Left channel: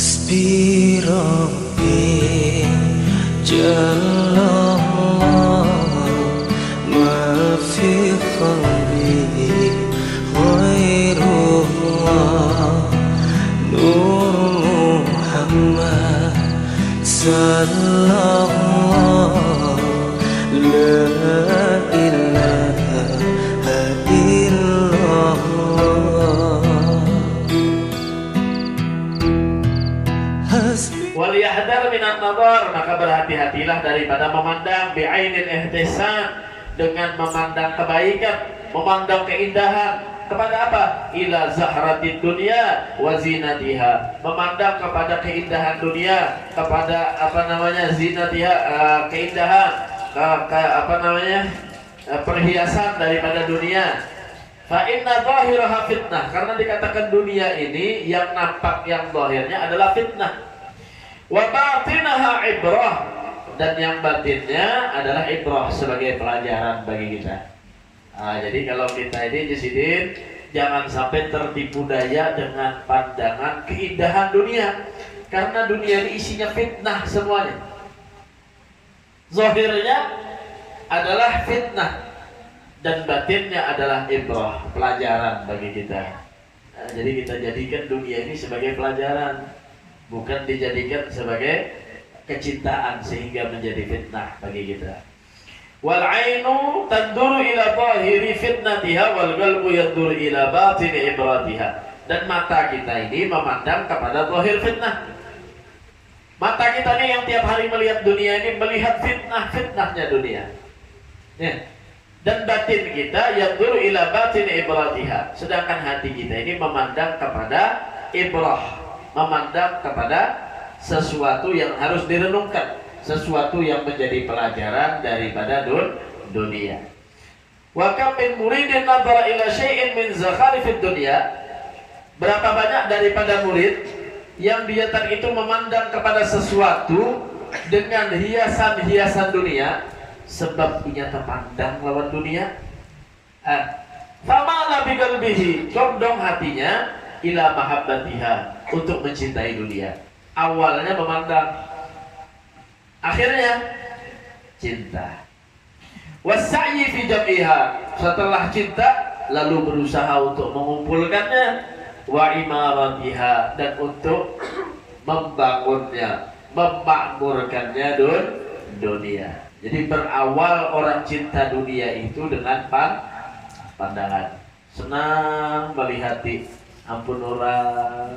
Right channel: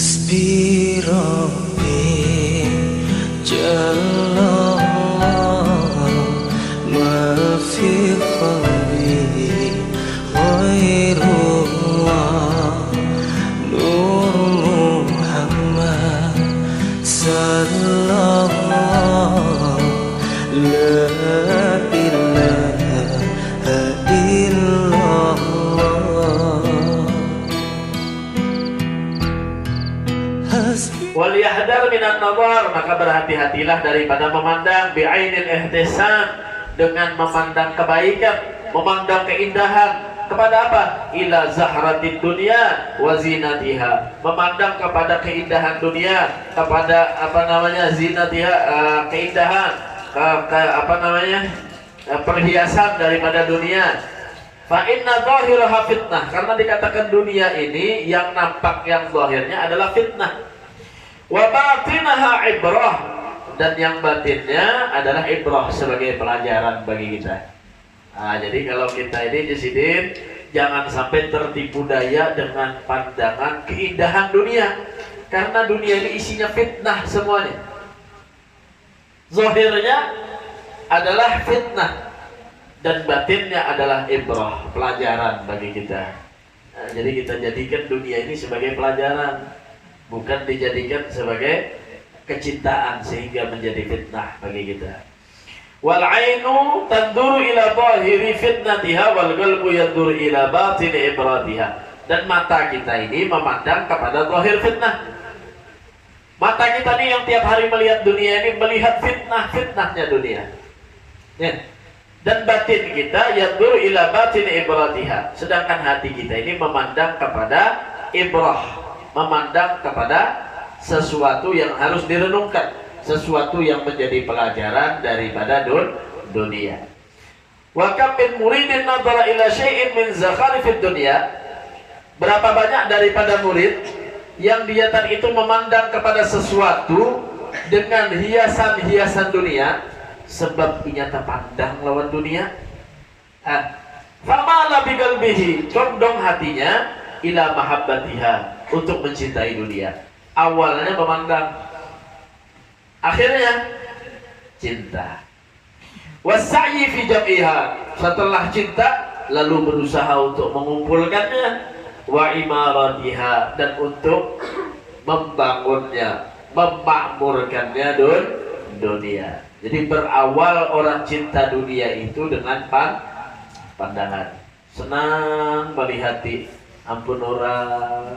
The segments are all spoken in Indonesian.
حسبي ربي جل الله ما في قلبي غير الله نور محمد صلى الله لا إله إلا الله. Waliyahdar minan nazar, maka berhati-hatilah daripada memandang bi'ainil ihtisan, dengan memandang kebaikan, memandang keindahan. Kepada apa? Ila zahratid dunya wa zinatiha, memandang kepada keindahan dunia, kepada zinatiha, keindahan, perhiasan daripada dunia. Fa inna zahiraha fitnah, karena dikatakan dunia ini yang nampak, yang zahirnya adalah fitnah. Wa batinaha ibrah, dan yang batinnya adalah ibrah, sebagai pelajaran bagi kita. Nah, jadi kalau kita ini disidin, jangan sampai tertipu daya dengan pandangan keindahan dunia, karena dunia ini isinya fitnah semuanya. Zahirnya adalah fitnah dan batinnya adalah ibrah, pelajaran bagi kita. Nah, jadi kita jadikan dunia ini sebagai pelajaran, bukan dijadikan sebagai kecintaan sehingga menjadi fitnah bagi kita. Wal ainu tanduru ila zahiri fitnatiha wal qalbu yanduru ila batini ibratiha, dan mata kita ini memandang kepada zahir fitnah. Mata kita ini yang tiap hari melihat dunia ini, melihat fitnahnya dunia, ya. Dan batin kita yanduru ila batini ibratiha, sedangkan hati kita ini memandang kepada ibrah, memandang kepada sesuatu yang harus direnungkan, sesuatu yang menjadi pelajaran daripada dunia. Wa kam min muridin nadhara ila syai'in min zakharifid dunya, berapa banyak daripada murid yang dia tadi itu memandang kepada sesuatu dengan hiasan-hiasan dunia, sebab ia terpandang lawan dunia. Famala bi qalbihi, condong hatinya ila mahabbatiha, untuk mencintai dunia. Awalnya memandang, akhirnya cinta. Wasa'yi fi jam'iha, setelah cinta lalu berusaha untuk mengumpulkannya. Wa imaratiha, dan untuk membangunnya, memakmurkannya dunia. Jadi berawal orang cinta dunia itu dengan pandangan, senang melihati ampun orang,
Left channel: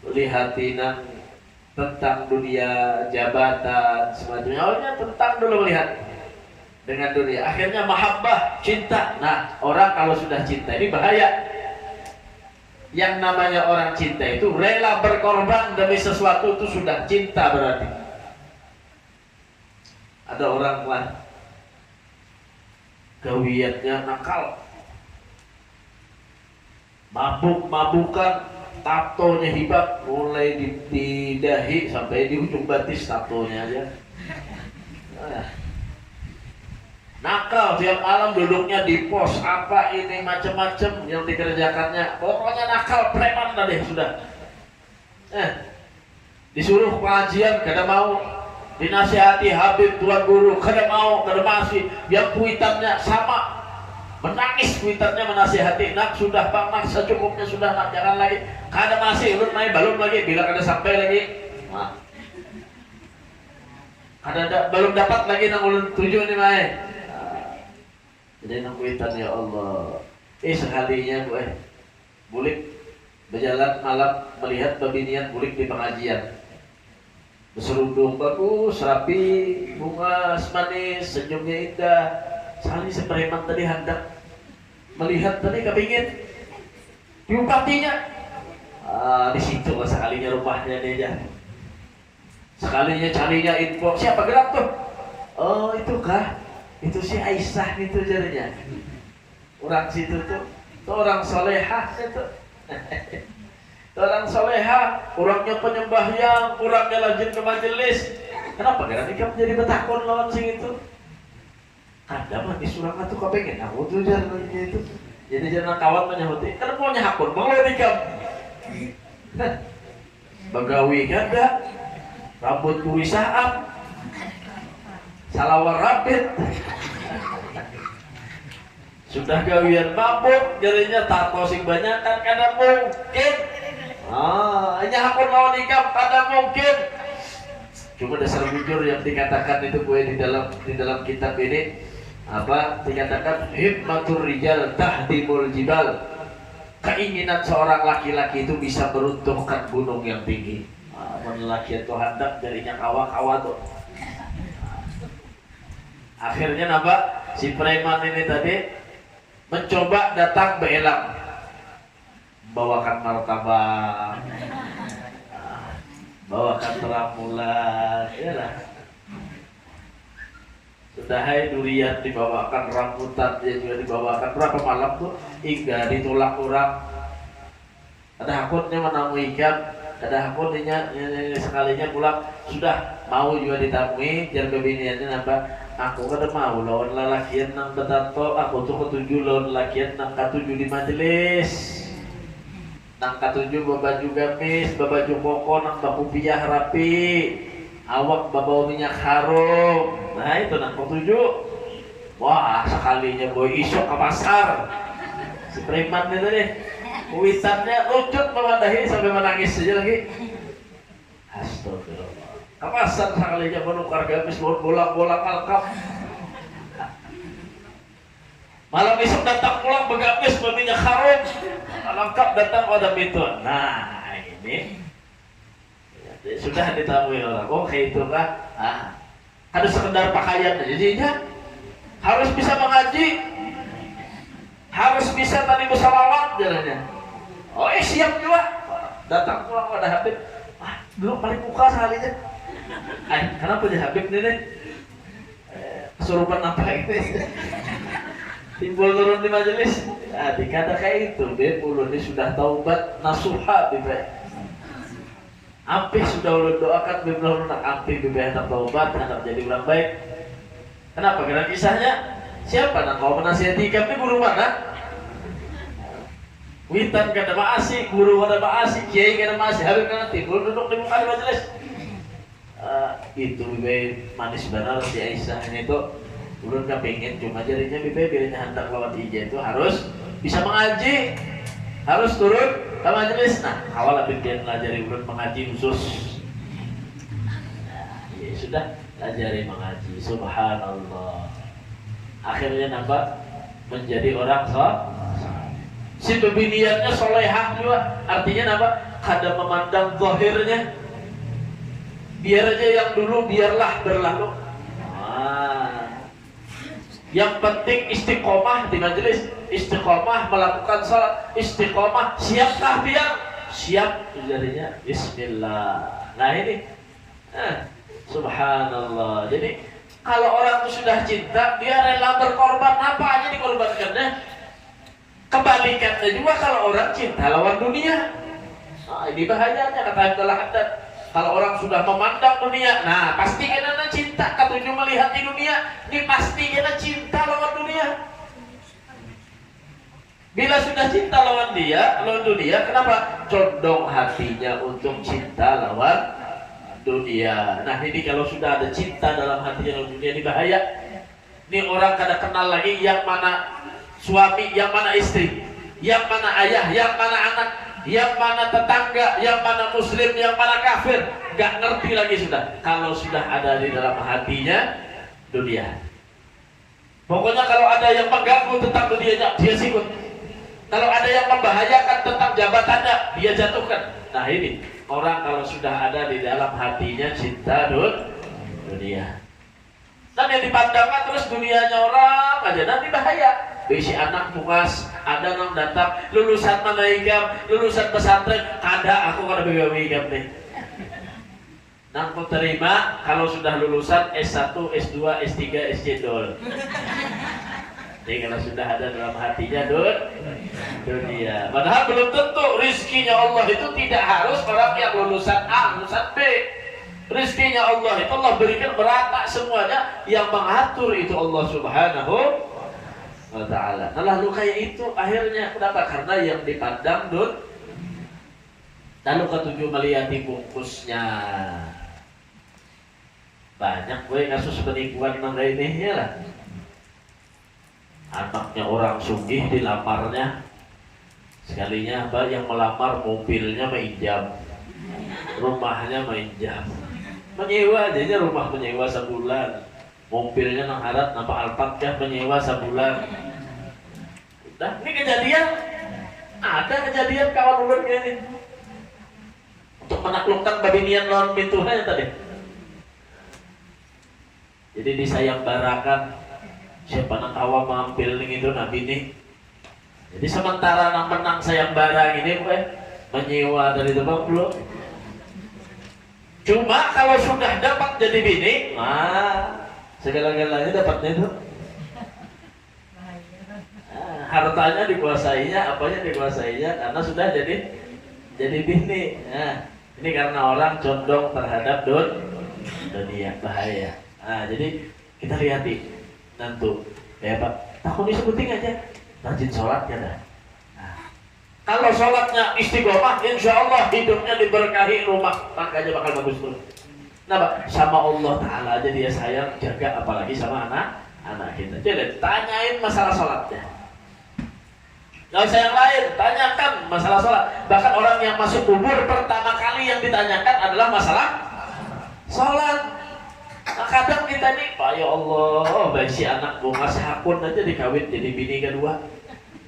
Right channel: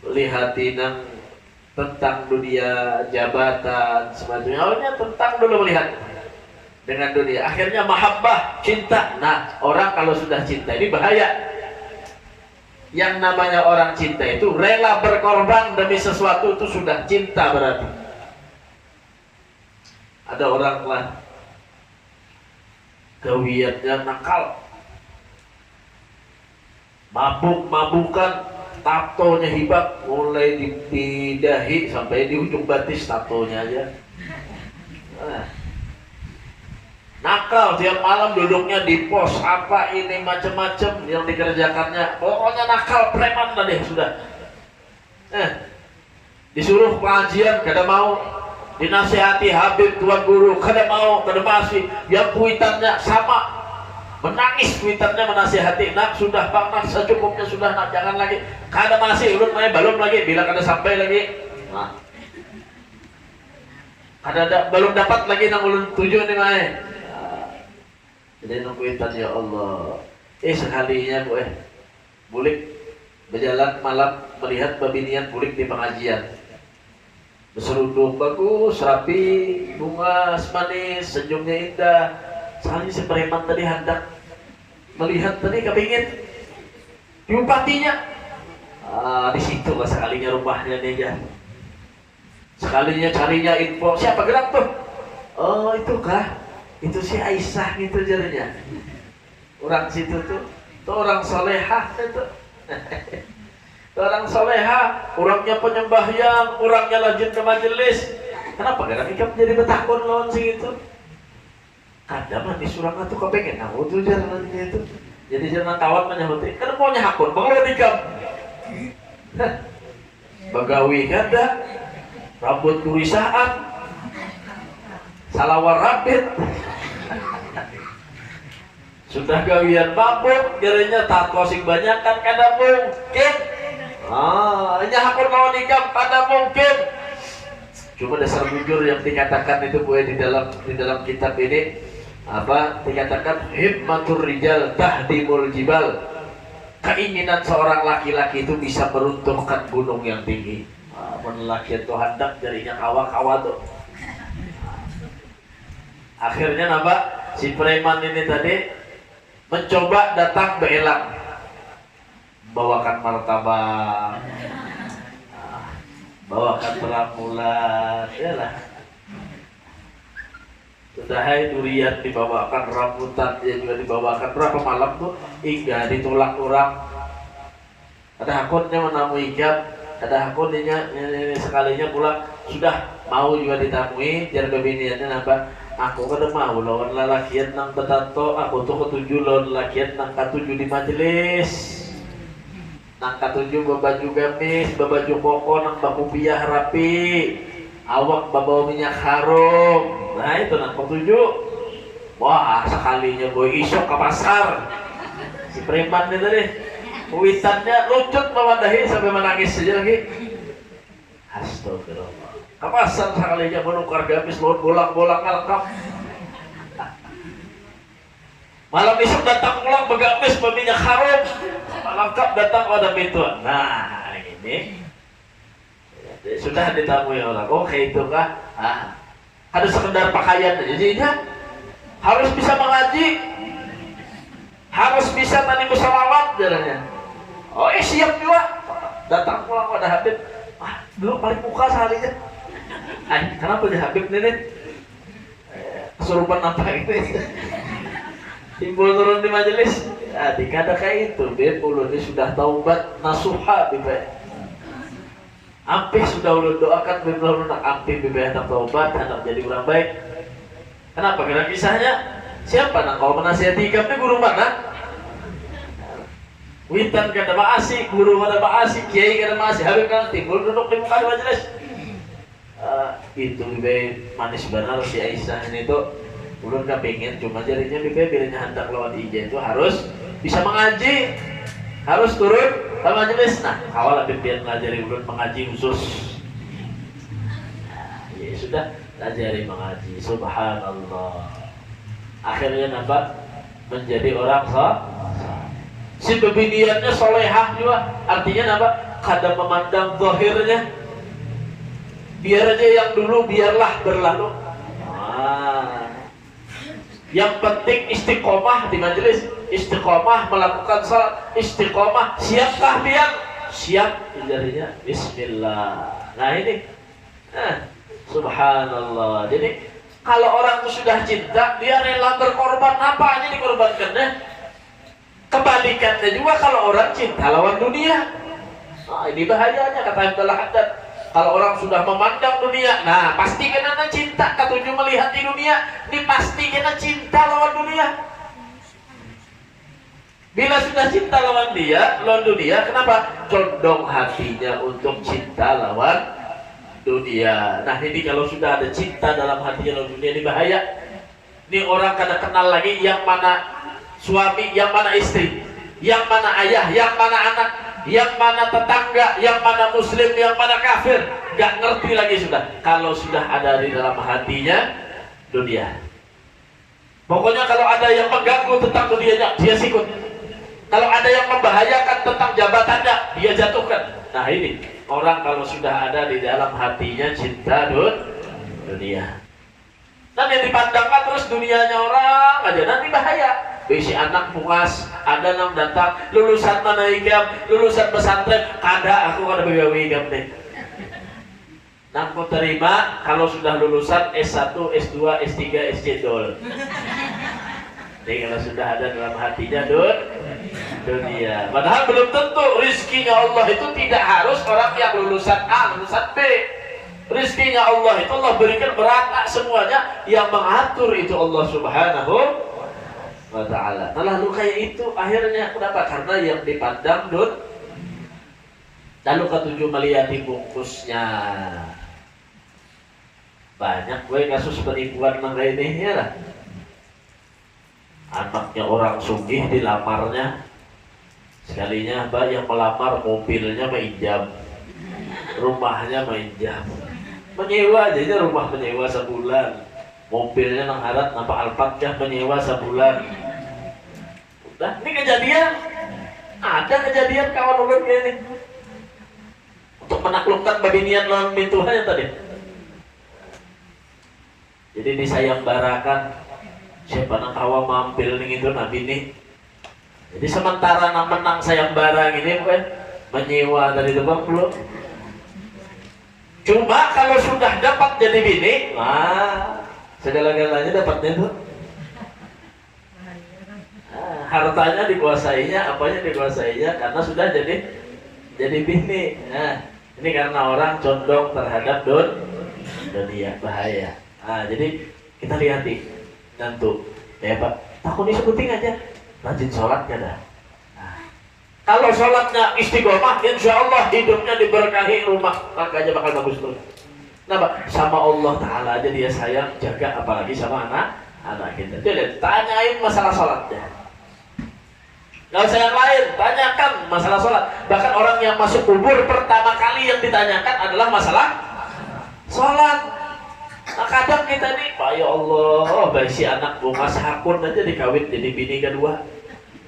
melihati tentang dunia, jabatan, semacamnya. Awalnya tentang dulu melihat dengan dunia, akhirnya mahabbah, cinta. Nah, orang kalau sudah cinta ini bahaya. Yang namanya orang cinta itu rela berkorban demi sesuatu, itu sudah cinta berarti. Ada orang lah gawiannya nakal, mabuk-mabukan, tatonya hibak, mulai di dahi sampai di ujung batis tatonya aja. Nakal, tiap malam duduknya di pos, apa ini macam-macam yang dikerjakannya. Pokoknya nakal, preman dah deh sudah. Disuruh pengajian kada mau, dinasihati Habib tuan guru kada mau, kada masih. Yang kuitannya sama, menangis kuitannya menasihati, nak sudah bang, nak secukupnya sudah, nak jangan lagi. Kada masih, ulun main balon lagi, bila kada sampai lagi. Nah, belum dapat lagi nang ulun tujuh nih main. Jadi nungguitan, ya Allah. Sekalinya bulik berjalan malam melihat babinian bulik di pengajian. Berserudung bagus, rapi, bunga manis, senyumnya indah. Sekali si preman tadi hendak melihat tadi kepingin diupatinya. Di situ lah sekalinya rumahnya dia. Sekalinya carinya info, siapa gerak tuh? Oh, itu kah? Itu si Aisyah gitu jadinya. Orang situ tuh orang solehah itu. Orang solehah, orangnya penyembahyang, orangnya rajin ke majelis. Kenapa gerak ikam jadi betakon lawan sing itu? Kadang mah disurang atuh kepengen aku tuh jalannya itu. Jadi jangan kawan menyahuti, kan mau nyahakun, mau ikam. Bagawi kada, rambut kurisaan, salawar rapid. Sudah gawian mabuk, jadinya tato sing banyak kan kada mungkin. Hanya hakun lawan nikah kada mungkin. Cuma dasar bujur yang dikatakan itu boleh di dalam kitab ini apa dikatakan himmatur rijal tahdimul jibal. Keinginan seorang laki-laki itu bisa meruntuhkan gunung yang tinggi. Lelaki itu hendak jadinya kawa-kawa tuh. Akhirnya napa si preman ini tadi mencoba datang beelang, bawakan martabak, bawakan terang bulan, iyalah. Sudah hai durian dibawakan, rambutan dia juga dibawakan. Berapa malam tuh hingga ditolak orang. Ada hakunnya menemui ikan, ada hakunnya sekalinya pulang sudah mau juga ditemui. Jar kebiniannya apa? Aku kada mau lawan lalakian nang betato, aku tuh ketujuh lawan lalakian nang ketujuh di majelis. Nang ketujuh babaju gamis, babaju koko nang baku piah rapi. Awak bawa minyak harum. Nah itu nang ketujuh. Wah sekalinya boy isok ke pasar. Si preman itu tadi witannya lucut memadahi sampai menangis saja lagi. Astagfirullah. Ke pasar sekalinya menukar gamis bolang-bolang alkap. Malam isok datang pulang begamis berminyak harum. Lengkap datang pada pintu. Nah ini sudah ditemui orang. Oh kayak itu kah? Ada sekedar pakaian aja jadinya harus bisa mengaji, harus bisa tadi bersalawat jalannya. Oh siap juga datang pulang pada Habib. Dulu paling muka seharinya. Kenapa dia Habib ini? Kesurupan apa itu? Timbul turun di majelis. Dikata kayak itu. Dia puluh ini sudah taubat nasuha Bibek. Ampe sudah ulun doakan belum nak ampe bibir hendak taubat hendak jadi orang baik. Kenapa? Karena kisahnya siapa nak kau menasihati kami guru mana? Witan kada maasi, guru kada maasi, kiai kada maasi, habib kada timbul duduk di muka majelis. Itu bibir manis benar si Aisyah ini tuh ulun kepingin cuma jadinya bibir bilanya hendak lawan ije itu harus bisa mengaji, harus turun ke majelis. Nah, awal Habib dia pelajari ulun mengaji khusus. Ya sudah, pelajari mengaji. Subhanallah. Akhirnya nampak menjadi orang si bebiniannya solehah juga. Artinya nampak kadang memandang zahirnya. Biar aja yang dulu biarlah berlalu. Yang penting istiqomah di majelis, istiqomah melakukan salat, istiqomah. Siapkah dia? Siap. Jadinya Bismillah. Nah ini, Subhanallah. Jadi kalau orang itu sudah cinta, dia rela berkorban apa aja dikorbankannya. Kebalikannya juga kalau orang cinta lawan dunia. Nah ini bahayanya kata Abdullah Haddad. Kalau orang sudah memandang dunia, nah pasti kena cinta. Ketujuh melihat di dunia, ini pasti kena cinta lawan dunia. Bila sudah cinta lawan dunia, kenapa? Condong hatinya untuk cinta lawan dunia. Nah ini kalau sudah ada cinta dalam hatinya lawan dunia, ini bahaya. Ini orang kada kenal lagi yang mana suami, yang mana istri, yang mana ayah, yang mana anak, yang mana tetangga, yang mana muslim, yang mana kafir, gak ngerti lagi sudah. Kalau sudah ada di dalam hatinya dunia, pokoknya kalau ada yang mengganggu tentang dunianya, dia sikut. Kalau ada yang membahayakan tentang jabatannya, dia jatuhkan. Nah ini orang kalau sudah ada di dalam hatinya cinta dunia, nanti dipandangkan terus dunianya orang aja, nanti bahaya. Si anak puas, ada nang datang lulusan mana ikam, lulusan pesantren, kada aku kada begawe ikam deh. Nang ku terima kalau sudah lulusan S1, S2, S3, SC dol. Jadi kalau sudah ada dalam hatinya dunia. Padahal belum tentu rizkinya Allah itu tidak harus orang yang lulusan A, lulusan B. Rizkinya Allah itu Allah berikan merata semuanya, yang mengatur itu Allah Subhanahu wa ta'ala. Nah lalu kayak itu akhirnya kenapa? Karena yang dipandang Lalu ketujuh melihat bungkusnya. Banyak gue kasus penipuan nang ini ya lah. Anaknya orang sugih dilamarnya. Sekalinya mbak yang melamar mobilnya mainjam, rumahnya mainjam, menyewa aja rumah menyewa sebulan, mobilnya nang harat nampak Alphard menyewa sebulan. Udah, ini kejadian, ada kejadian kawan ulun kayak ini untuk menaklukkan babinian lawan bintuhannya tadi. Jadi disayembarakan siapa nak kawa mampil nih itu nabi nih. Jadi sementara nak menang sayembara ini menyewa dari depan belum. Cuma kalau sudah dapat jadi bini, segala-galanya dapatnya itu. Hartanya dikuasainya, apanya dikuasainya karena sudah jadi bini. Nah, ini karena orang condong terhadap dunia, bahaya. Nah, jadi kita lihat nih, tentu ya Pak, takut disebutin aja. Rajin sholatnya dah. Nah, kalau sholatnya istiqomah, insya Allah hidupnya diberkahi, rumah tangganya bakal bagus tuh. Kenapa? Sama Allah Ta'ala aja dia sayang, jaga, apalagi sama anak kita. Jadi tanyain masalah sholatnya. Gak usah yang lain, tanyakan masalah sholat. Bahkan orang yang masuk kubur pertama kali yang ditanyakan adalah masalah sholat. Nah, kadang kita nih, Pak ya Allah, baik si anak bunga sahakun aja dikawin jadi bini kedua.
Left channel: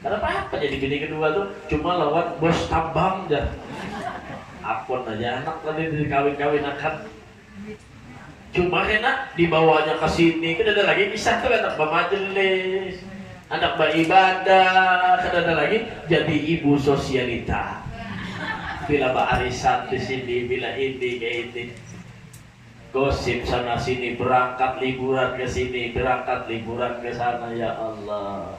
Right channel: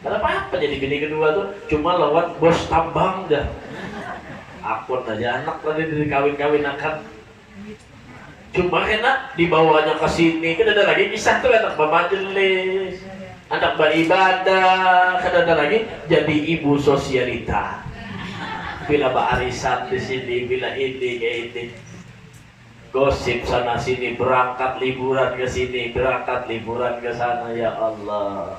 Kenapa jadi bini kedua tuh? Cuma lawan bos tambang aja. Akun aja anak tadi dikawin-kawin akan. Cuma enak dibawanya ke sini, kan ada lagi kisah tuh anak bermajelis, anak beribadah, kan ada lagi jadi ibu sosialita. Bila arisan di sini, bila ini kayak ini. Gosip sana sini, berangkat liburan ke sini, berangkat liburan ke sana, ya Allah.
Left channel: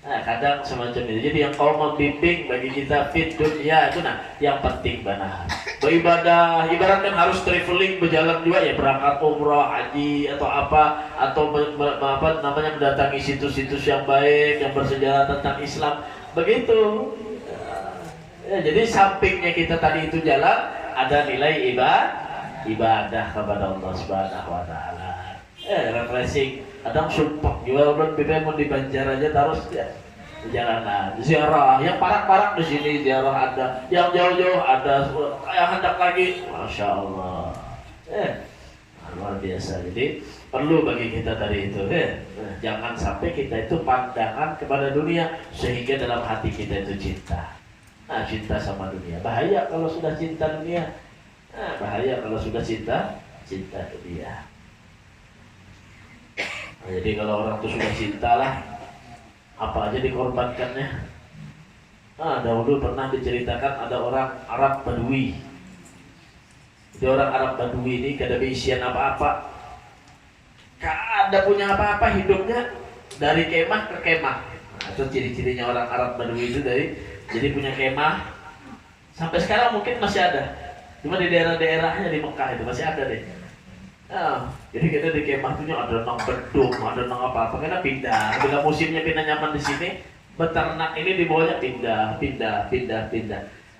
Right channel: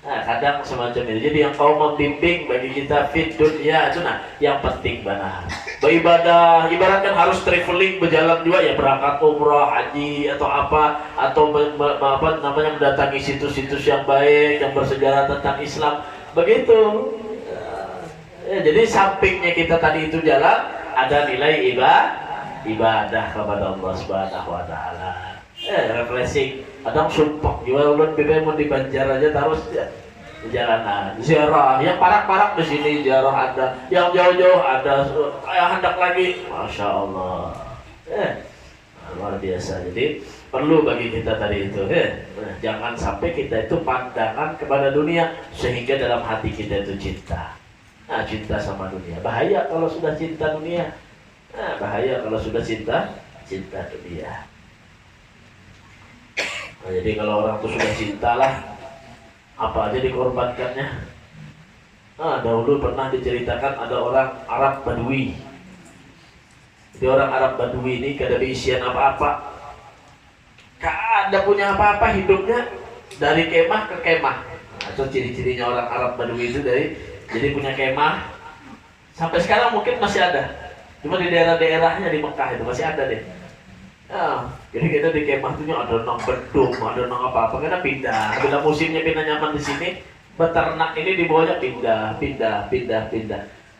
Nah, kadang semacam itu. Jadi yang kau membimbing bagi kita fit dunia itu yang penting benar. Beribadah, ibaratkan harus traveling, berjalan juga ya, berangkat umrah, haji atau apa, atau apa namanya mendatangi situs-situs yang baik yang bersejarah tentang Islam. Begitu. Ya, jadi sampingnya kita tadi itu jalan, ada nilai ibadah kepada Allah Subhanahu wa Ta'ala. Refreshing. Kadang sumpah juga ulun BBM mau di Banjar aja terus ya. Di jalanan, ziarah. Yang parak-parak di sini ziarah ada, yang jauh-jauh ada, kayak hendak lagi. Masya Allah. Luar biasa. Jadi perlu bagi kita tadi itu. Jangan sampai kita itu pandangan kepada dunia sehingga dalam hati kita itu cinta. Nah, cinta sama dunia. Bahaya kalau sudah cinta dunia. Nah, bahaya kalau sudah cinta dunia. Nah, jadi kalau orang itu sudah cinta lah, apa aja dikorbankannya. Nah, dahulu pernah diceritakan ada orang Arab Badui. Jadi orang Arab Badui ini kada berisian apa-apa, kada punya apa-apa, hidupnya dari kemah ke kemah. Nah, itu ciri-cirinya orang Arab Badui itu jadi punya kemah. Sampai sekarang mungkin masih ada. Cuma di daerah-daerahnya di Mekah itu masih ada deh. Nah, jadi kita di kemah tuh ada nang beduk, ada nang apa-apa, karena pindah. Bila musimnya pindah nyaman di sini, beternak ini dibawanya pindah.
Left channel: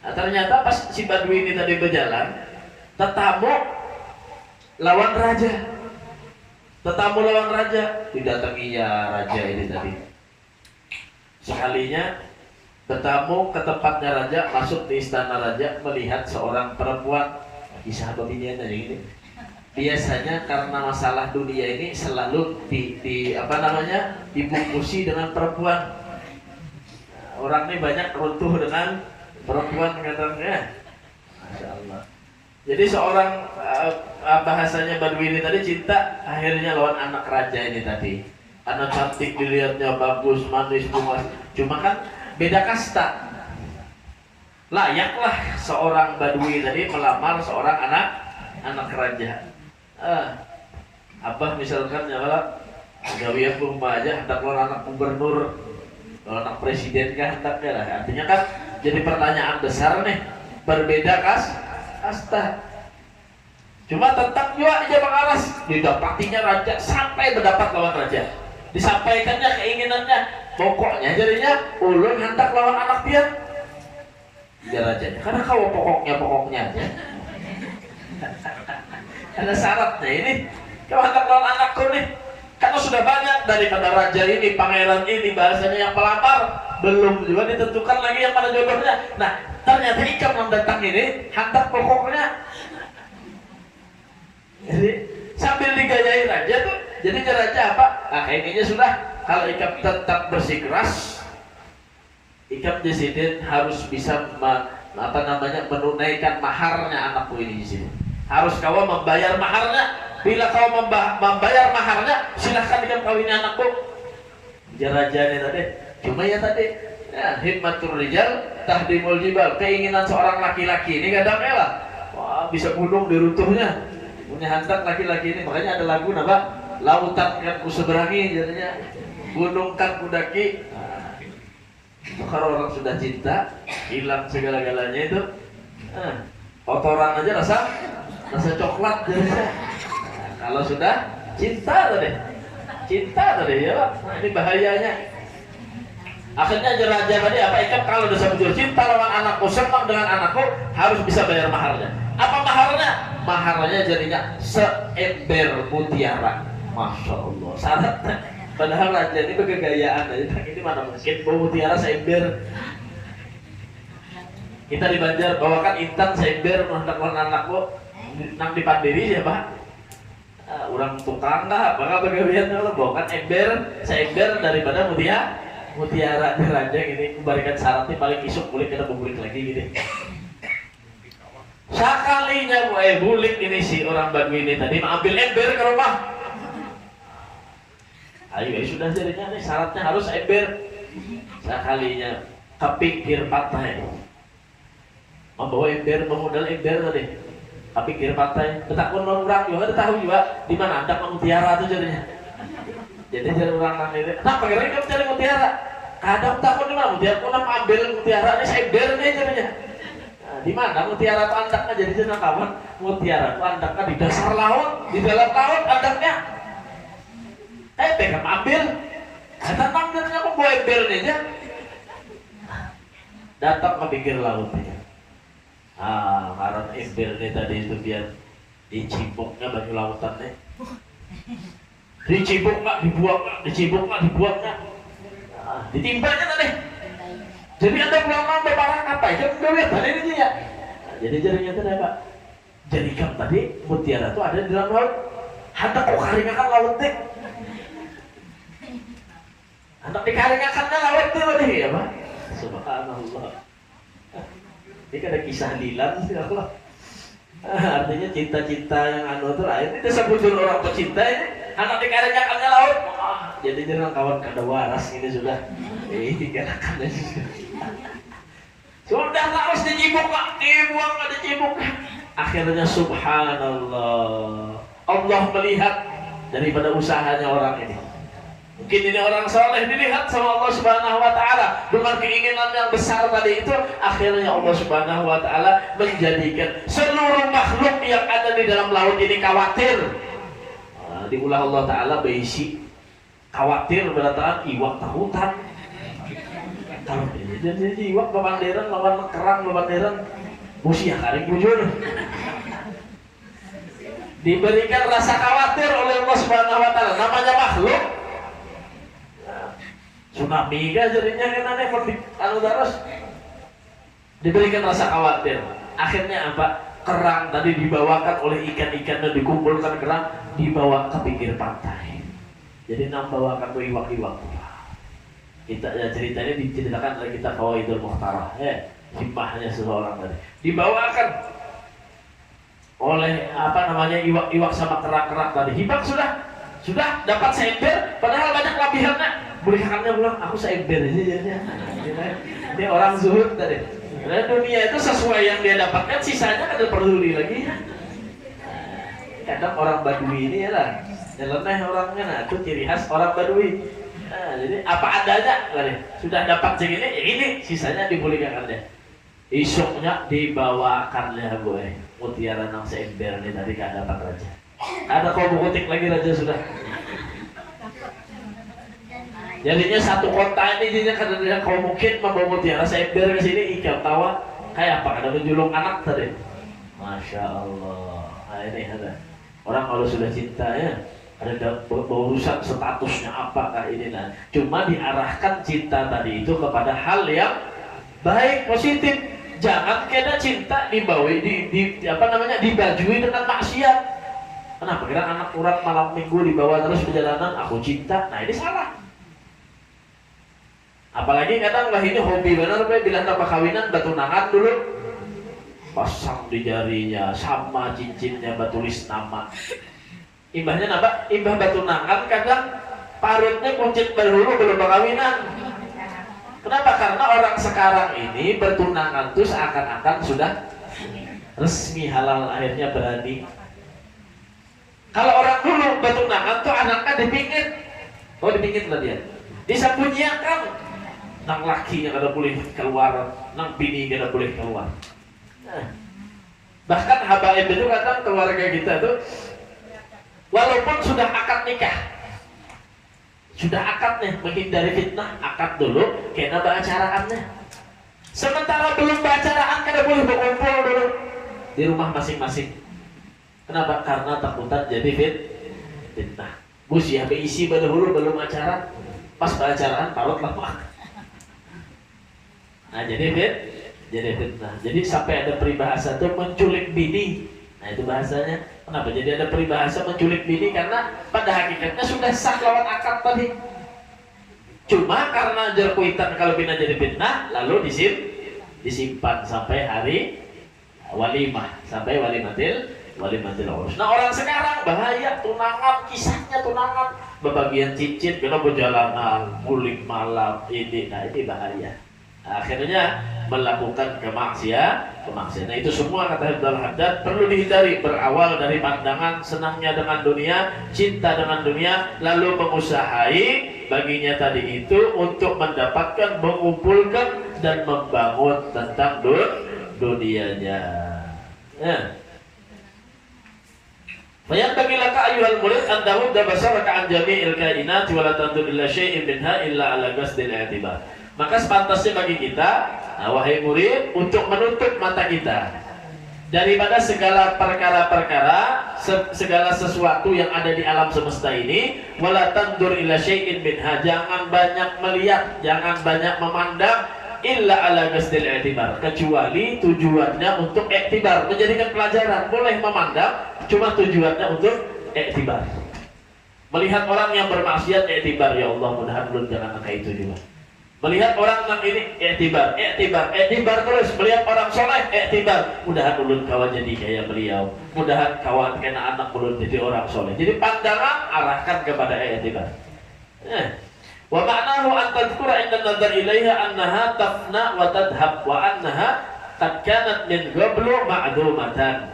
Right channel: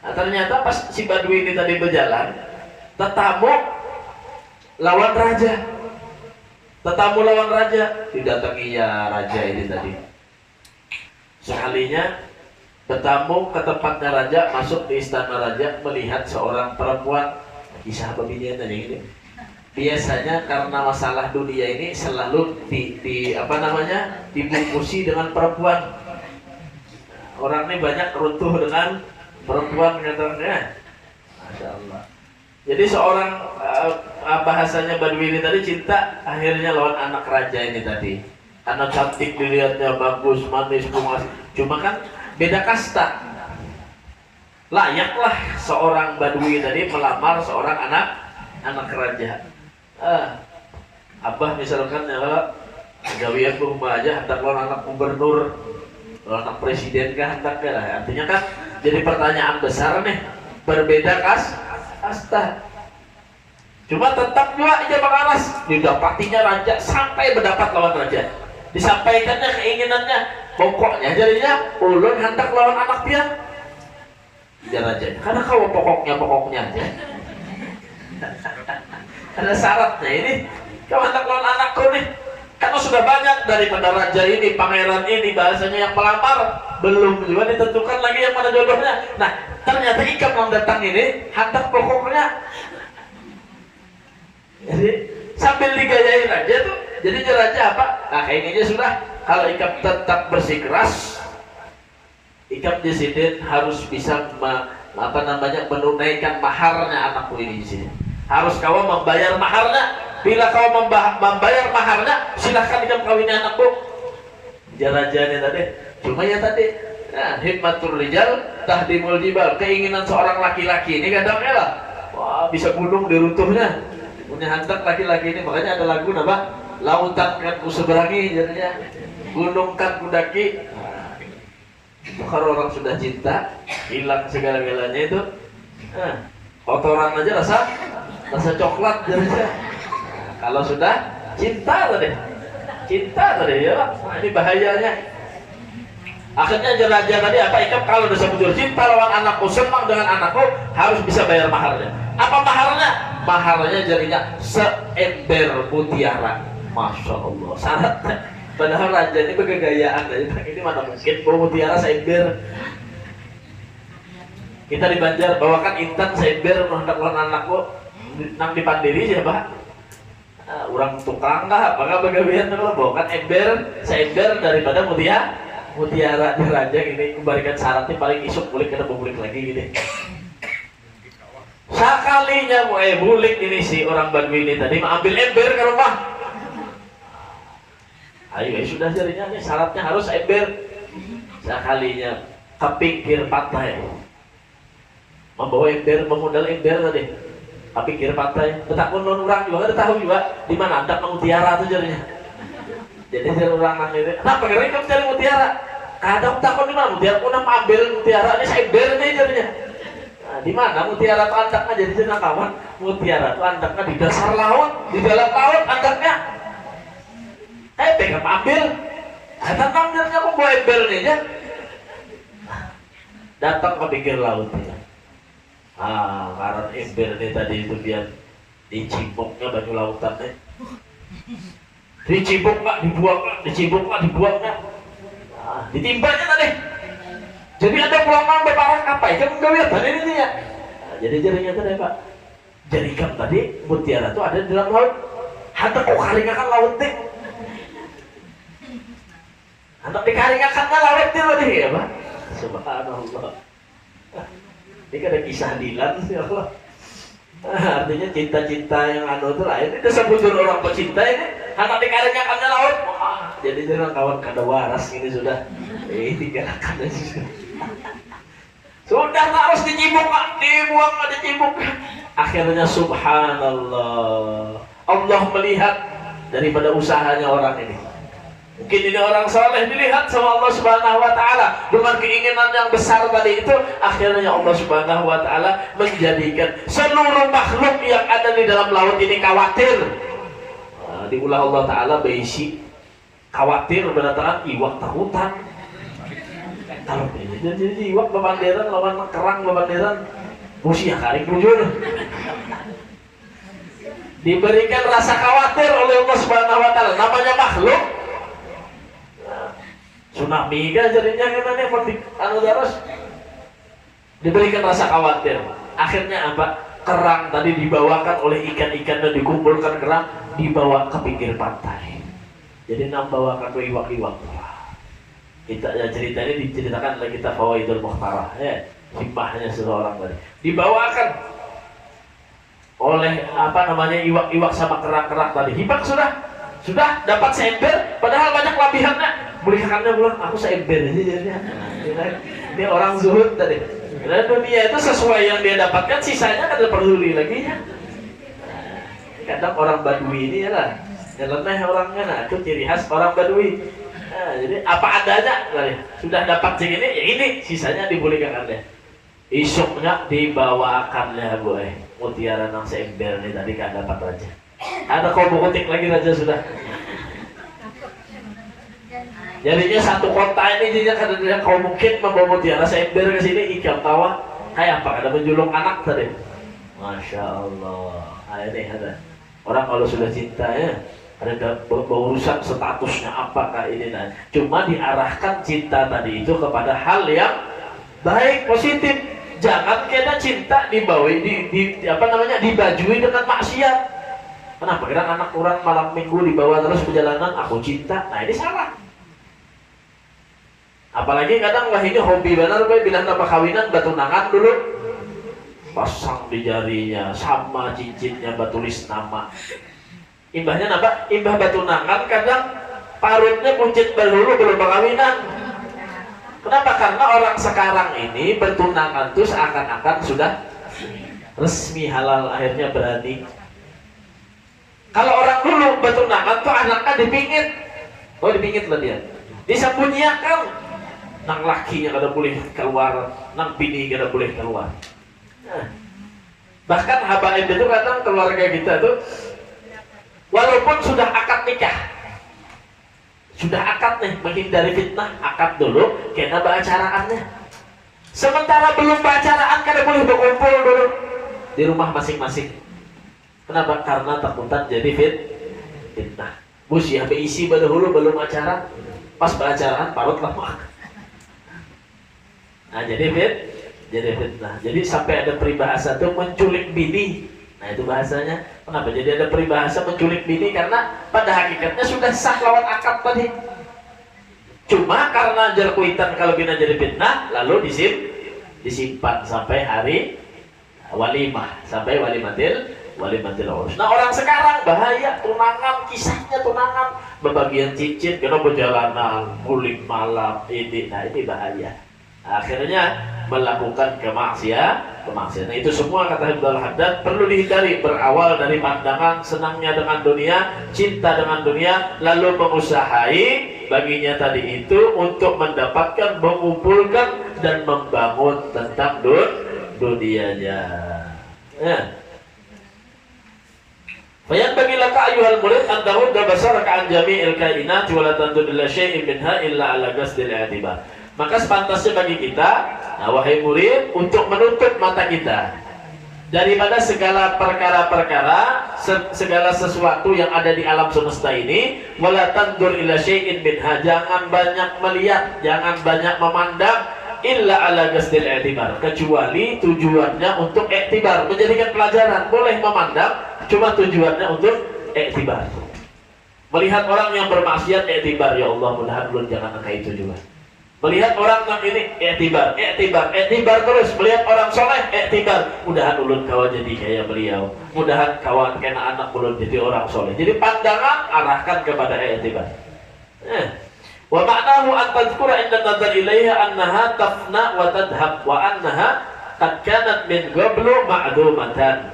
Nah, ternyata pas si Badui ini tadi berjalan, tetamu lawan raja, didatangi ya raja ini tadi. Sekalinya bertamu ke tempatnya raja, masuk di istana raja, melihat seorang perempuan. Kisah pembinian aja gitu. Biasanya karena masalah dunia ini selalu dibungkusi dengan perempuan. Orang ini banyak runtuh dengan perempuan, katanya. Masya Allah. Jadi seorang bahasanya Badui ini tadi cinta, akhirnya lawan anak raja ini tadi. Anak cantik dilihatnya, bagus, manis, bungas. Cuma kan beda kasta. Layaklah seorang Badui tadi melamar seorang anak raja. Abah misalkan ya kalau gawe ke rumah aja hendak lawan anak gubernur, lawan anak presiden kah hendaknya lah. Artinya kan jadi pertanyaan besar nih, berbeda kasta. Cuma tetap juga aja Bang Aras didapatinya raja sampai mendapat lawan raja. Disampaikannya keinginannya, pokoknya jadinya ulun hendak lawan anak dia. rajanya. Karena kalau pokoknya aja. Ada syaratnya ini. Kalau anak-anakku nih, karena sudah banyak daripada raja ini, pangeran ini, bahasanya yang pelamar, belum juga ditentukan lagi yang mana jodohnya. Nah, ternyata Ikam yang datang ini hantar pokoknya. Jadi sambil digayai raja tuh, jadi raja apa? Nah, kayaknya sudah kalau Ikam tetap bersikeras, Ikam di sini harus bisa menunaikan maharnya anakku ini di sini. Harus kau membayar maharnya. Bila kau membayar maharnya, silahkan Ikam kawini anakku. Dia rajanya tadi. Cuma ya tadi, himmatul rijal tahdimul jibal. Keinginan seorang laki-laki ini kadang-kadang lah, wah, bisa gunung diruntuhnya. Punya hantar laki-laki ini, makanya ada lagu apa? Lautan kan ku seberangi, jadinya gunung kan ku daki. Itu kalau orang sudah cinta, hilang segala-galanya itu, kotoran aja rasa coklat jadinya. Kalau sudah cinta tadi ya, nah, ini bahayanya. Akhirnya raja tadi apa? Ikam kalau udah sebetulnya cinta lawan anakku, senang dengan anakku, harus bisa bayar maharnya. Apa maharnya? Maharnya jadinya seember mutiara. Masya Allah, syaratnya. Padahal raja ini bergegayaan aja. Ini mana mungkin bawa mutiara seember. Kita di Banjar bawakan intan seember menhendak lawan anakku, nang dipandiri siapa? Orang tukang nggak, apakah bagaimana kalau bawakan seember daripada mutiara raja ini kembalikan syaratnya paling isuk bulik kita bulik lagi gitu. Sekalinya bulik ini si orang Badui ini tadi ambil ember ke rumah. Ayo sudah jadinya nih syaratnya harus ember. Sekalinya kepikir patah membawa ember, memodal ember tadi. Kepikir patah, betakun non orang juga, tahu juga di mana ada mutiara itu jadinya. Jadi jadi orang nang itu, nah pengen kamu cari mutiara. Kadang takut di mana mutiara, aku ambil mutiara ini embernya jadinya. Nah, di mana mutiara itu andaknya jadi jenang kawan. Mutiara itu andaknya di dasar laut, di dalam laut andaknya. Pengen ambil, tanam jadinya aku bawa embernya aja. Datang ke pinggir laut. Karena embernya tadi itu biar dicibuknya baju lautannya. Dicibuk nggak dibuang, dicibuk nggak dibuangnya. Ditimbanya tadi. Jadi ada pulangan beparang apa? Kamu nggak lihat tadi ini ya. Jadi jadinya tadi apa? Jadi kan tadi mutiara itu ada di dalam laut. Hendak kok karingakan lautnya. Hendak dikaringakannya lautnya tadi ya Pak. Subhanallah. Ini ada kisah Dilan ya Allah. Artinya cinta-cinta yang anu itu lain. Itu sebujur orang pecinta ini anak dikarenyakannya laut. Jadi jangan kawan kada waras ini sudah. Dikarenakannya sudah harus dicibuk Pak, dibuang nggak dicibuk. Akhirnya subhanallah, Allah melihat daripada usahanya orang ini. Mungkin ini orang soleh dilihat sama Allah Subhanahu Wa Taala dengan keinginan yang besar tadi itu, akhirnya Allah Subhanahu Wa Taala menjadikan seluruh makhluk yang ada di dalam laut ini khawatir. Diulah Allah Taala berisi khawatir berdatangan iwak takutan. Kalau jadi iwak bebanderan lawan kerang bebanderan musia kali bujur. Diberikan rasa khawatir oleh Allah Subhanahu Wa Taala, namanya makhluk. Tsunami kan jadinya katanya anu terus diberikan rasa khawatir. Akhirnya apa? Kerang tadi dibawakan oleh ikan-ikan dan dikumpulkan kerang dibawa ke pinggir pantai. Jadi nambawakan ke iwak-iwak. Kita cerita ini diceritakan oleh kita Fawaidul Mukhtarah ya, hikmahnya seseorang tadi. Dibawakan oleh apa namanya iwak-iwak sama kerang-kerang tadi. Hibak sudah dapat seember padahal banyak kelebihannya. Berikannya bilang aku seember aja jadinya. Dia orang zuhud tadi. Karena dunia itu sesuai yang dia dapatkan, sisanya kada peduli lagi. Kadang orang Badui ini ya lah, nyeleneh orangnya, nah itu ciri khas orang Badui. Nah, jadi apa adanya tadi. Sudah dapat segini, ya ini sisanya diberikannya. Isuknya dibawakannya boy. Mutiara nang seember nih tadi kada dapat raja. Ada kau bukutik lagi raja sudah. Jadinya satu kota ini jadinya kadang-kadang kau mungkin membawa mutiara seember ke sini, Ikam tawa Kayak apa? Ada menjulung anak tadi. Masya Allah. Nah ini ada. Orang kalau sudah cinta ya, ada berurusan statusnya apakah ini. Nah, cuma diarahkan cinta tadi itu kepada hal yang baik, positif. Jangan kena cinta dibajui dengan maksiat. Kenapa? Kira anak orang malam minggu dibawa terus perjalanan, aku cinta. Nah ini salah. Apalagi kadang lah ini hobi benar, bilang apa kawinan batu nangan dulu, pasang di jarinya sama cincinnya batulis nama. Imbahnya apa? Imbah batu nangan kadang parutnya kuncit dulu belum kawinan. Kenapa? Karena orang sekarang ini bertunangan tuh seakan-akan sudah resmi halal, akhirnya berani. Kalau orang dulu bertunangan tuh anaknya dipingit. Oh dipingit lah dia. Disembunyikan. Nang lakinya kada boleh keluar, nang bini kada boleh keluar. Nah, bahkan habaib itu kadang keluarga kita tuh walaupun sudah akad nikah, sudah akad nih, menghindari fitnah, akad dulu, kena beracaraannya. Sementara belum beracaraan kada boleh berkumpul dulu di rumah masing-masing. Kenapa? Karena takutan jadi fitnah. Bus ya beisi dahulu belum acara, pas beracaraan parut lama. Nah jadi fitnah. Jadi sampai ada peribahasa tuh menculik bini. Nah itu bahasanya. Kenapa? Jadi ada peribahasa menculik bini karena pada hakikatnya sudah sah lawan akad tadi. Cuma karena jerkuitan kalau bina jadi fitnah, lalu disimpan sampai hari walimah, sampai walimatil urus. Nah orang sekarang bahaya, tunangan, kisahnya tunangan, bebagian cincin, kena perjalanan, mulik malam, ini bahaya. Akhirnya melakukan kemaksiatan. Nah itu semua kata Ibnu Haddad perlu dihindari, berawal dari pandangan senangnya dengan dunia, cinta dengan dunia, lalu mengusahai baginya tadi itu untuk mendapatkan, mengumpulkan dan membangun tentang dunianya. Ya. Bayan bagilah ka ayuhal murid an tahudda basaraka an jami'il kainati wa la tandur ila syai'in minha illa ala qasdil i'tibar. Maka sepantasnya bagi kita, nah, wahai murid, untuk menutup mata kita daripada segala perkara-perkara, segala sesuatu yang ada di alam semesta ini, wala tandur ila syai'in minha, jangan banyak melihat, jangan banyak memandang, illa ala qasdil i'tibar, kecuali tujuannya untuk i'tibar, menjadikan pelajaran. Boleh memandang, cuma tujuannya untuk i'tibar. Melihat orang yang bermaksiat, i'tibar, ya Allah mudahan belum jangan kayak itu juga. Melihat orang yang ini, i'tibar terus. Melihat orang soleh, i'tibar, mudahan ulun kawan jadi kayak beliau, mudahan kawan kena anak ulun jadi orang soleh. Jadi pandangan arahkan kepada i'tibar. Wa ma'nahu an tadhkura inda nadhar ilaiha annaha tafna wa tadhhab wa annaha qad kanat min qablu ma'dumatan.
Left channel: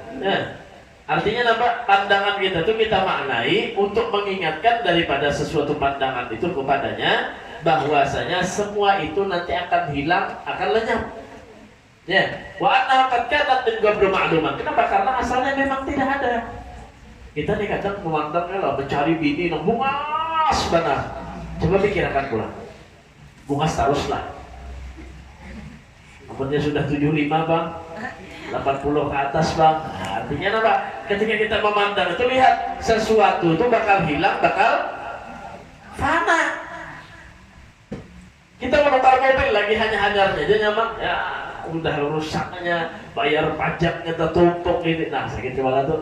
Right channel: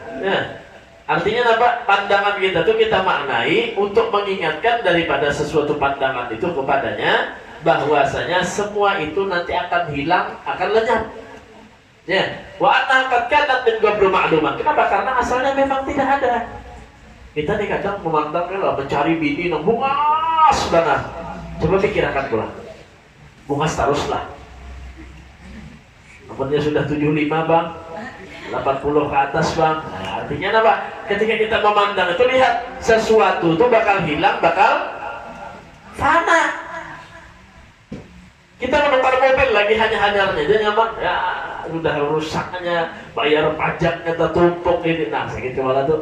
Artinya apa? Pandangan kita tuh kita maknai untuk mengingatkan daripada sesuatu pandangan itu kepadanya bahwasanya semua itu nanti akan hilang, akan lenyap. Ya, wa annaha qad kanat min qablu ma'duman. Kenapa? Karena asalnya memang tidak ada. Kita nih kadang memandang mencari bini nang bungas banget. Coba pikirkan pula. Bungas teruslah. Apanya sudah 75 bang, 80 ke atas bang. Nah, artinya apa? Ketika kita memandang itu lihat sesuatu itu bakal hilang, bakal fana. Kita menukar mobil lagi hanya-hanyarnya, dia nyaman, ya udah rusaknya, bayar pajaknya tertumpuk ini, nah segitu malah tuh.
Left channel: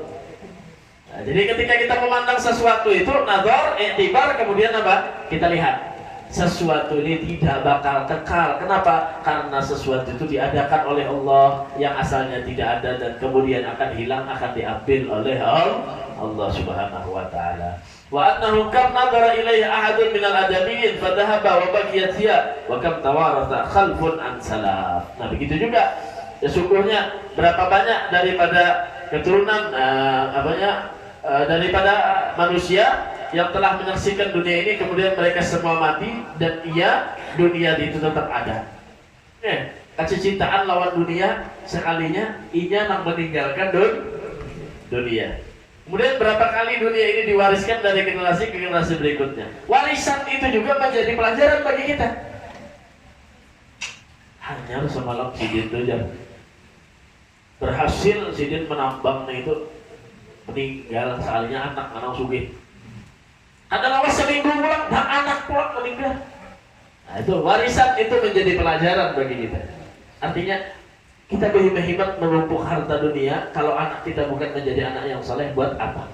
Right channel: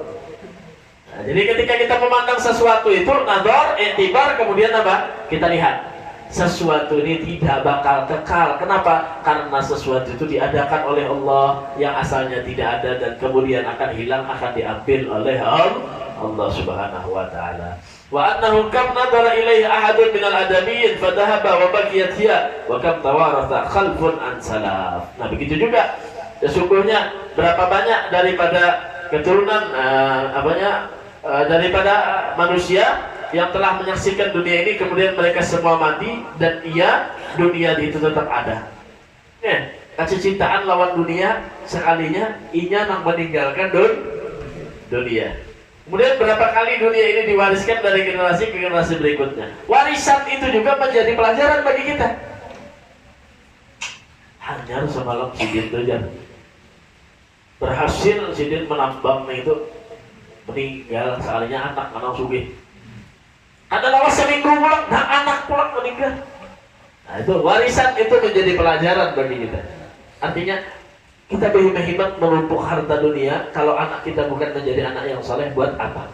Nah, jadi ketika kita memandang sesuatu itu, nadhar, i'tibar, kemudian apa? Kita lihat sesuatu ini tidak bakal kekal. Kenapa? Karena sesuatu itu diadakan oleh Allah yang asalnya tidak ada dan kemudian akan hilang, akan diambil oleh Allah Subhanahu wa taala. Wa annahu kam nadara ilaihi ahadun minal adamiyyin fadhahaba wa baqiyat hiya wa kam tawaratha khalfun an salaf. Nah, begitu juga sesungguhnya berapa banyak daripada keturunan daripada manusia yang telah menyaksikan dunia ini kemudian mereka semua mati dan dunia itu tetap ada. Kecintaan lawan dunia sekalinya inya nang meninggalkan dunia. Kemudian berapa kali dunia ini diwariskan dari generasi ke generasi berikutnya. Warisan itu juga menjadi pelajaran bagi kita. Hanya semalam si gitu aja. Berhasil sidin menambang itu, meninggal soalnya anak sugih. Ada lawas seminggu pulang, nah anak pulang meninggal. Nah itu warisan itu menjadi pelajaran bagi kita. Artinya kita berhemat menumpuk harta dunia, kalau anak kita bukan menjadi anak yang saleh, buat apa?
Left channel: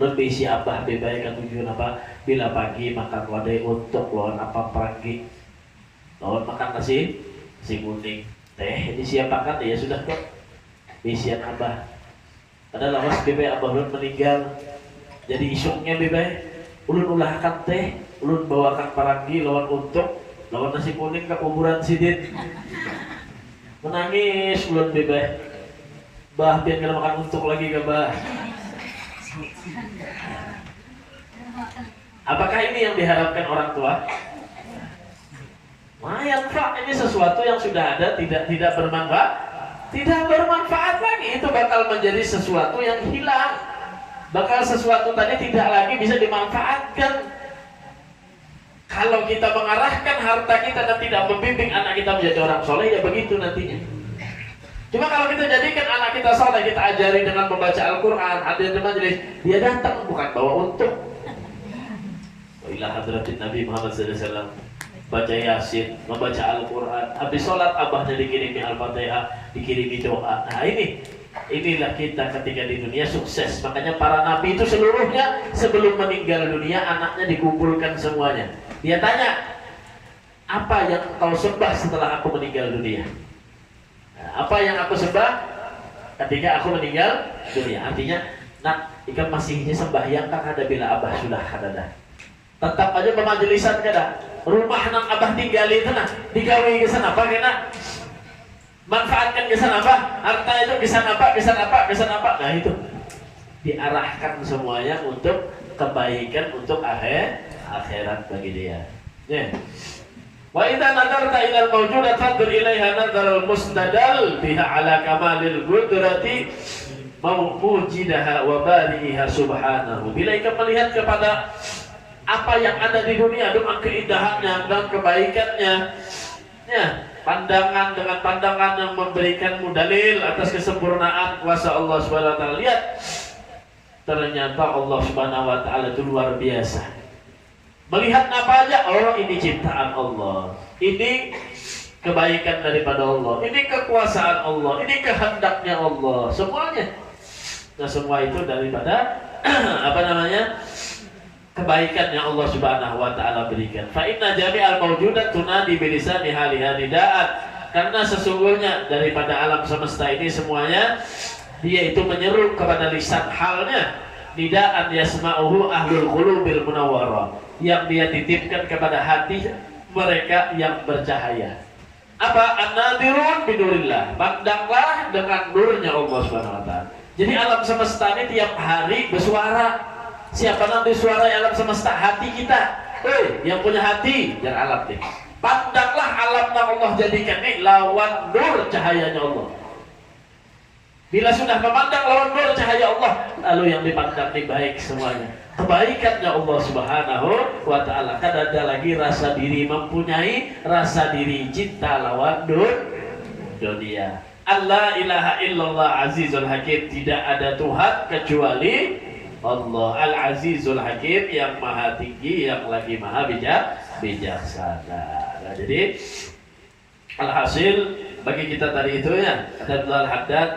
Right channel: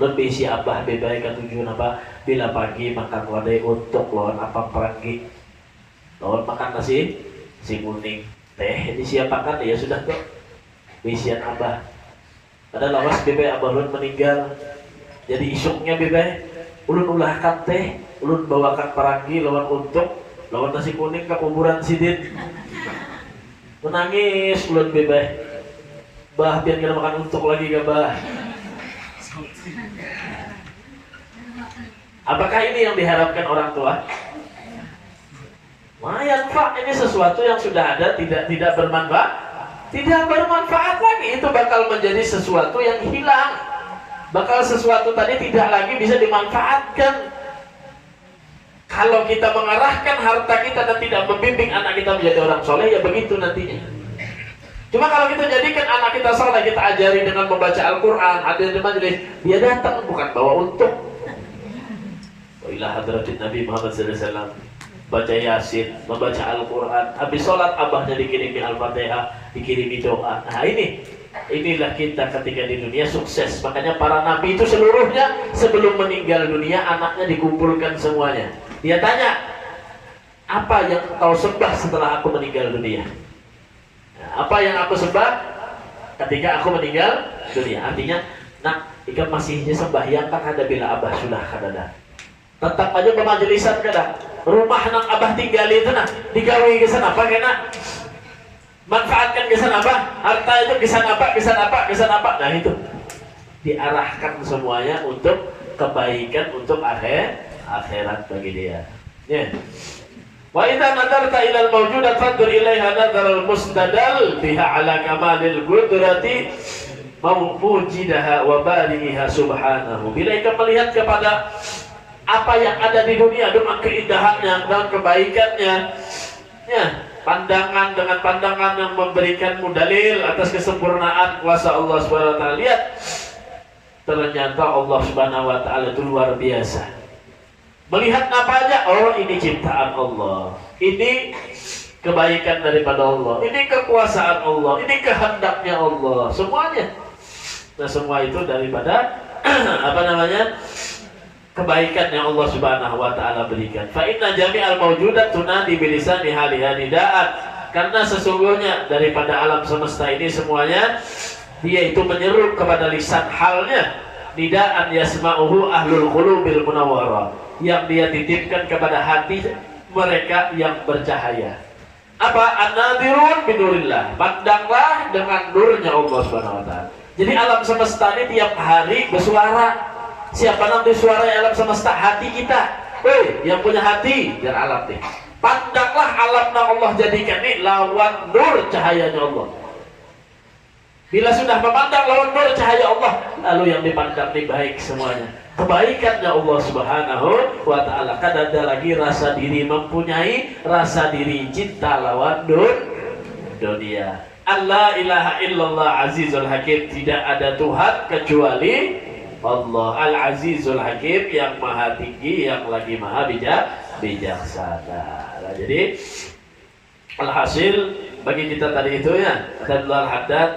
Lebih si abah bebai kan tujuan apa? Bila pagi makan wadai untuk lawan apa pagi, lawan makan nasi kuning, teh disiapkan ya sudah tuh isian abah. Ada lawas bebai abah ulun meninggal, jadi isuknya bebai ulun ulahkan teh, ulun bawakan paragi lawan untuk lawan nasi kuning ke kuburan sidin. Menangis ulun bebai, bah biar kena makan untuk lagi ke bah. Apakah ini yang diharapkan orang tua? Lumayan Pak, ini sesuatu yang sudah ada tidak bermanfaat, tidak bermanfaat lagi. Itu bakal menjadi sesuatu yang hilang. Bakal sesuatu tadi tidak lagi bisa dimanfaatkan. Kalau kita mengarahkan harta kita dan tidak membimbing anak kita menjadi orang soleh, ya begitu nantinya. Cuma kalau kita jadikan anak kita soleh, kita ajari dengan membaca Al-Quran, hadir di majelis, dia datang bukan bawa untung. Wa ila hadratin Nabi Muhammad SAW, baca Yasin, membaca Al-Quran, habis sholat abahnya dikirimi Al-Fatihah, dikirimi doa. Nah inilah kita ketika di dunia sukses. Makanya para nabi itu seluruhnya sebelum meninggal dunia anaknya dikumpulkan semuanya. Dia tanya, apa yang kau sembah setelah aku meninggal dunia? Apa yang aku sembah ketika aku meninggal dunia? Artinya, nak, jika masihnya sembahyang kan ada bila abah sudah kadada. Tetap aja pemajelisan kada. Rumah nang abah tinggal itu nah, digawi ke sana apa kena? Manfaatkan ke sana apa? Harta itu ke sana apa? Nah itu diarahkan semuanya untuk kebaikan, untuk akhirat bagi dia. Ya. Wa idza nadarta ila al-mawjudat fandur ilaiha nadar al-mustadal biha ala kamalil qudrati mawjudaha wa bariha subhanahu. Bila kita melihat kepada apa yang ada di dunia dengan keindahannya dan kebaikannya, ya, pandangan dengan pandangan yang memberikanmu dalil atas kesempurnaan kuasa Allah Subhanahu wa taala. Lihat, ternyata Allah Subhanahu wa taala itu luar biasa. Melihat apa aja, oh ini ciptaan Allah, ini kebaikan daripada Allah, ini kekuasaan Allah, ini kehendaknya Allah, semuanya. Nah semua itu daripada kebaikan yang Allah Subhanahu wa taala berikan. Fa inna jami'al mawjudat tunadi bilisani haliha nidaan. Karena sesungguhnya daripada alam semesta ini semuanya dia itu menyeru kepada lisan halnya, nidaan yasma'uhu ahlul qulubil munawwarah, yang dia titipkan kepada hati mereka yang bercahaya. Apa? An-nadirun binurillah, pandanglah dengan nurnya Allah Subhanahu wa taala. Jadi alam semesta ini tiap hari bersuara. Siapa nanti suara alam semesta? Hati kita. Yang punya hati jangan alam deh. Pandanglah alam yang Allah jadikan ini lawan nur cahayanya Allah. Bila sudah memandang lawan nur cahaya Allah, lalu yang dipandang ini baik semuanya. Kebaikannya Allah Subhanahu wa ta'ala. Kan ada lagi rasa diri mempunyai, rasa diri cinta lawan nur dunia. Allah ilaha illallah azizul hakim. Tidak ada Tuhan kecuali Allah Al-Azizul Hakim, yang maha tinggi, yang lagi maha bijaksana. Nah, jadi alhasil bagi kita tadi itu ya, kata Abdul Haddad,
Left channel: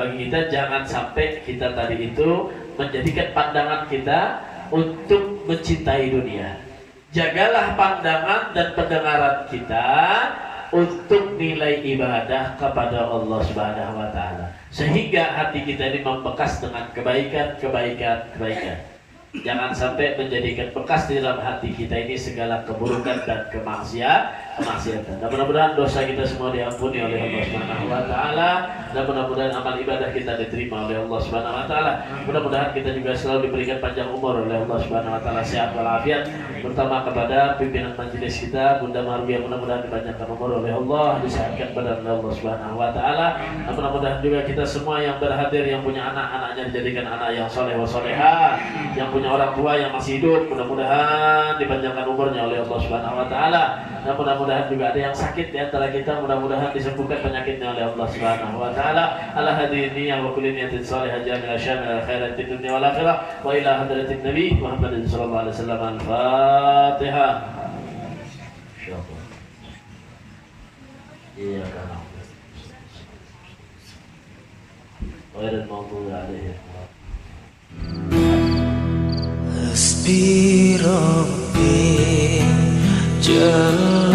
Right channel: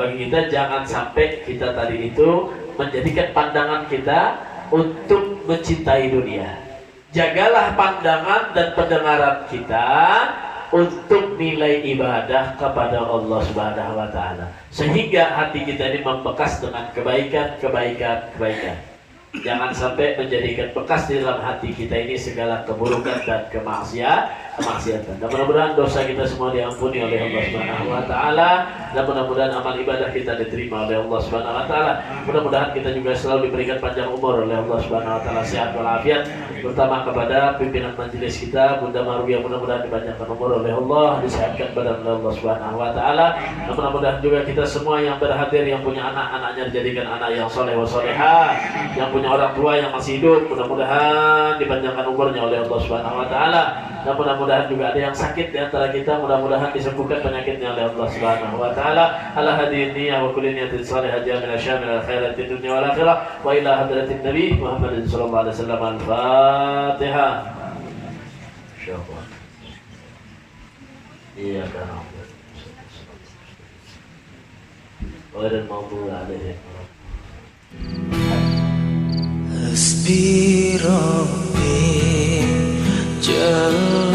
bagi kita jangan sampai kita tadi itu menjadikan pandangan kita untuk mencintai dunia. Jagalah pandangan dan pendengaran kita untuk nilai ibadah kepada Allah Subhanahu wa taala, sehingga hati kita ini membekas dengan kebaikan. Jangan sampai menjadikan bekas di dalam hati kita ini segala keburukan dan kemaksiatan. Dan mudah-mudahan dosa kita semua diampuni oleh Allah Subhanahu wa taala, dan mudah-mudahan amal ibadah kita diterima oleh Allah Subhanahu wa taala. Mudah-mudahan kita juga selalu diberikan panjang umur oleh Allah Subhanahu wa taala, sehat walafiat, terutama kepada pimpinan majelis kita Bunda Marwiyah, mudah-mudahan dipanjangkan umur oleh Allah, disehatkan badan oleh Allah Subhanahu wa taala. Dan mudah-mudahan juga kita semua yang berhadir, yang punya anak-anaknya dijadikan anak yang soleh wa solehah, yang punya orang tua yang masih hidup, mudah-mudahan dipanjangkan umurnya oleh Allah Subhanahu wa taala. Dan mudah-mudahan mudah-mudahan juga ada yang sakit di antara kita, mudah-mudahan disembuhkan penyakitnya oleh Allah Subhanahu wa taala. Ala hadhihi niyyah wa kulli niyatin salihah jamil asyamil khairat fid dunya wal akhirah wa ila hadratin nabi Muhammadin sallallahu alaihi wasallam. Al-Fatihah. Insyaallah. Iya kan. Ghairil maghdubi alaihim. Hasbi Rabbi Jalla